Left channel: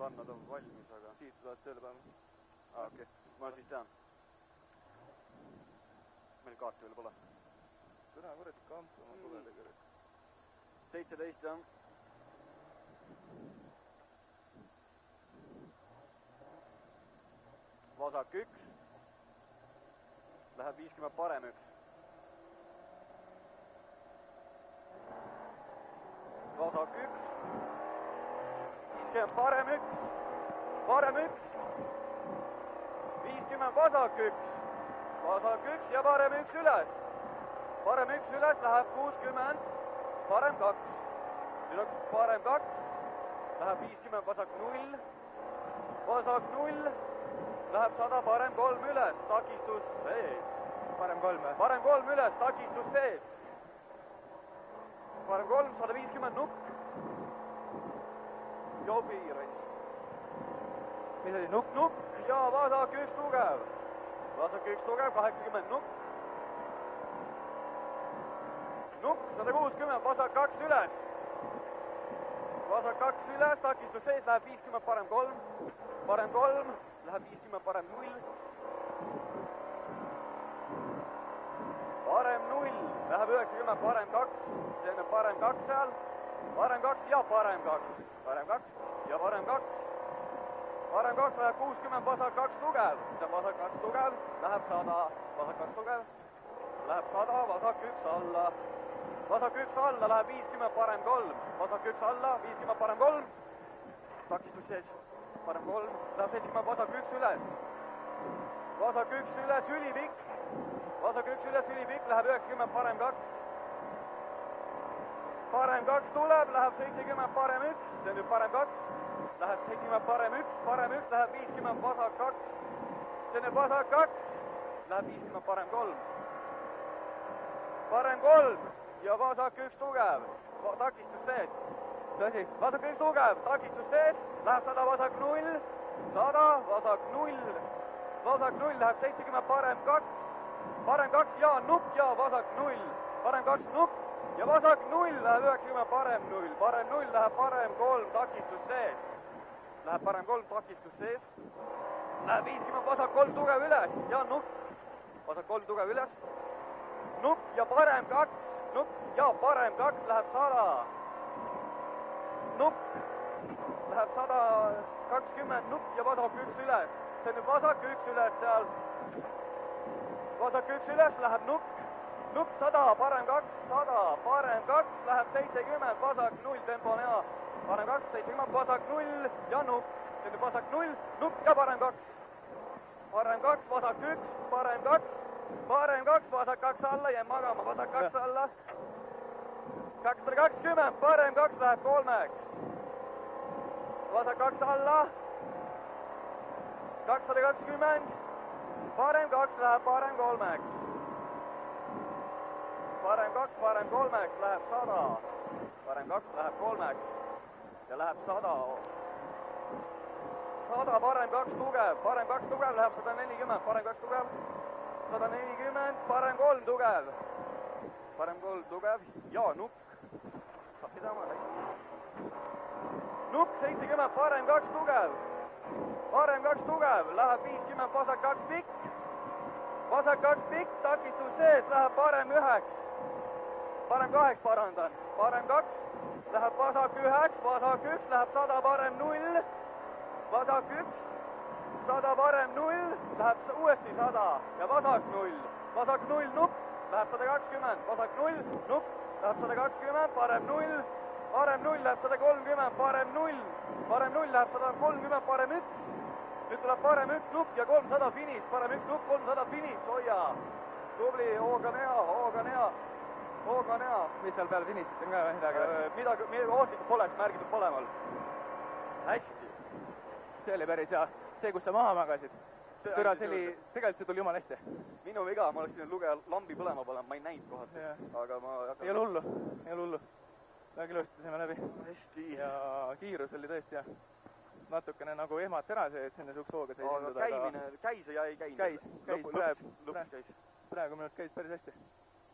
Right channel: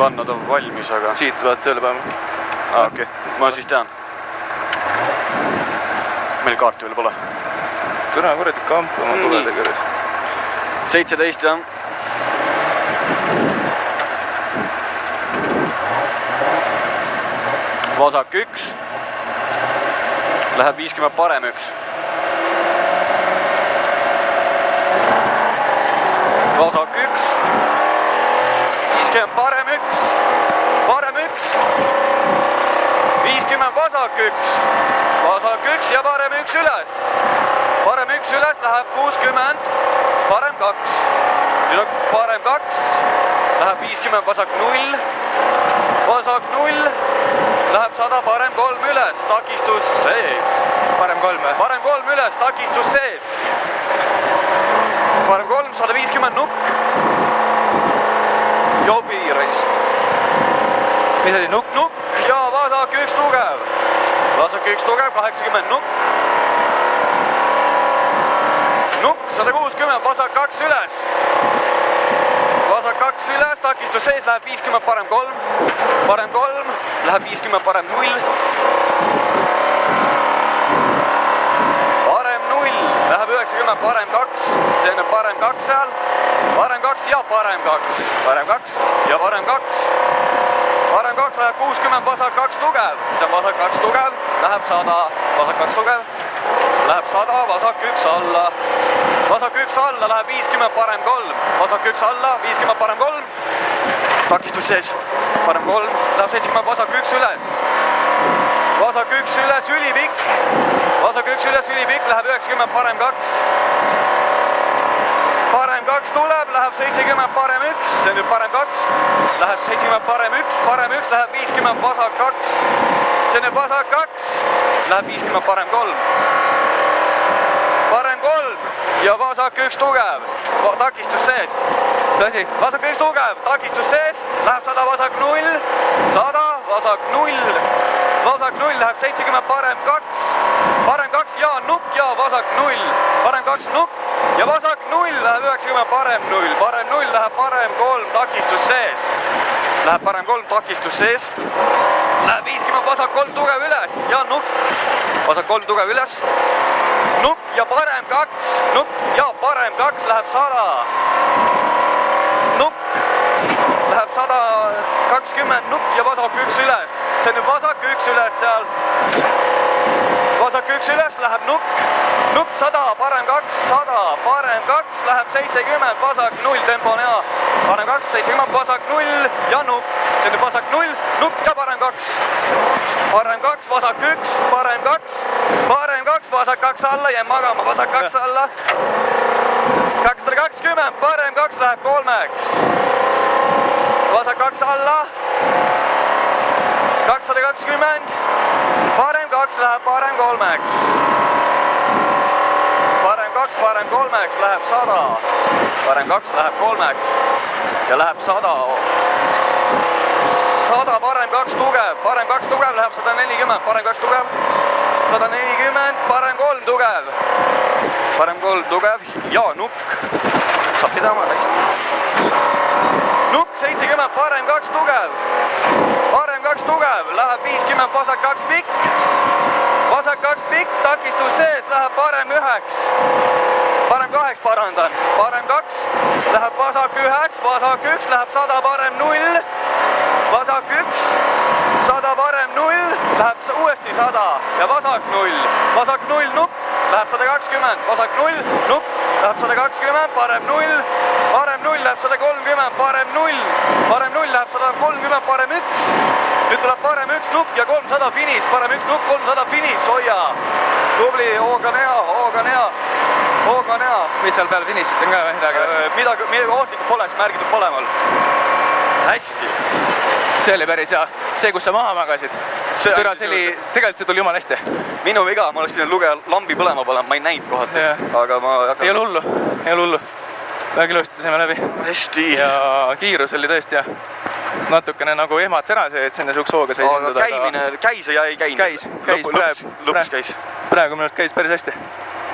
panna ta valmis, aga... Siit vaat tööle panema. Okei, ma siis tean. Meil kaarti veel pole. Türa kuradi kamp oma tulede kõrges. 17, jah. Vasak 1. Läheb 50 parem 1. Vasak 1. 50 parem 1. Parem 1. 50 vasak 1. Vasak 1 ja parem 1 üles. Parem 1 üles läheb 60. Parem 2. Nüüd on parem 2. Läheb 50 vasak 0. Vasak 0. Läheb 100 parem 3 üles. Takistus sees. Parem 3. Parem 3 üles. Takistus sees. Parem 3. 150 nukk. Jobi reis. Mis oli nukk? Nukk ja vasak 1 tugev. Vasak 1 tugev, 80 nukk. Nukk, 160, vasak 2 üles. Vasak 2 üles, takistus sees, läheb 50 parem 3. Parem 3, läheb 50 parem 0. Parem 0, läheb 90 parem 2. See on parem 2 seal. Parem 2 ja parem 2. Parem 2 ja parem 2. Parem 2 läheb 60, vasak 2 tugev. See on vasak 2 tugev, läheb 100. Vasak 2 tugev, läheb 100, vasak 1 alla. Vasak 1 alla läheb 50, parem 3. Vasak 1 alla, 50 parem 3. Takistus sees, parem 3. Läheb 70, vasak 1 üles. Vasak 1 üles, ülipikk. Vasak 1 üles, ülipikk, läheb 90, parem 2. Parem 2 tuleb, läheb 70, parem 1. See on nüüd parem 2. Läheb 70, parem 1. Parem 1 läheb 50, vasak 2. See on nüüd vasak 2. Läheb 50, parem 3. Parem 3 ja vasak 1 tugev. Takistus sees. Tõsi? Vasak 1 tugev, takistus sees. Läheb 100, vasak 0. 100, vasak 0. Vasak 0 läheb 70, parem 2. Parem 2 ja nukk ja vasak 0. Parem 2 nukk ja vasak 0 läheb 90, parem 0. Parem 0 läheb parem 3, takistus sees. Läheb parem 3, takistus sees. Läheb 50, vasak 3 tugev üles ja nukk. Vasak 3 tugev üles. Nukk ja parem 2. Nukk ja parem 2 läheb 100. Nukk läheb 120, nukk ja vasak 1 üles. See on nüüd vasak 1 üles seal. Vasak 1 üles läheb nukk. Nukk 100, parem 2, 100. Parem 2 läheb 70, vasak 0, tempo on hea. Parem 2, 70, vasak 0 ja nukk. See on nüüd vasak 0, nukk ja parem 2. Parem 2, vasak 1, parem 2. Parem 2, vasak 2 alla, jääb magama, vasak 2 alla. 220, parem 2 läheb 3-ks. Vasak 2 alla. 220. Parem 2 läheb parem 3-ks. Parem 2, parem 3-ks läheb 100. Parem 2 läheb 3-ks ja läheb 100. 100, parem 2 tugev. Parem 2 tugev läheb 140. Parem 2 tugev. 140, parem 3 tugev. Parem 3 tugev ja nukk. Saab pidama hästi. Nukk 70, parem 2 tugev. Parem 2 tugev, läheb 50, vasak 2 pikk. Vasak 2 pikk, takistus sees, läheb parem 1. Parem 2 parandan. Parem 2 läheb vasak 1, vasak 1 läheb 100, parem 0. Vasak 1, 100 parem 0, läheb uuesti 100 ja vasak 0. Vasak 0, nukk, läheb 120, vasak 0, nukk, läheb 120, parem 0. Parem 0 läheb 130, parem 0. Parem 0 läheb 130, parem 1. Nüüd tuleb parem 1 nukk ja 300 finis. Parem 1 nukk, 300 finis, hoia. Tubli, hooga on hea, hooga on hea. Hooga on hea. Mis seal peal finissit on ka midagi? Midagi ohtlikult pole, siis märgitud pole mul. Hästi. See oli päris hea. See, kus sa maha magasid. Tegelikult see tuli jumala hästi. Minu viga, ma oleks pidanud lugeja lambi põlema panema, ma ei näinud kohati. Aga ma... Ei ole hullu, ei ole hullu. Väga ilusti saime läbi. Hästi. Ja kiirus oli tõesti ja natukene nagu ehmats ära see, et sinna suks hooga sai käimine käis ja ei käinud. Käis. Lõpuks käis. Praegu minu arust käis päris hästi.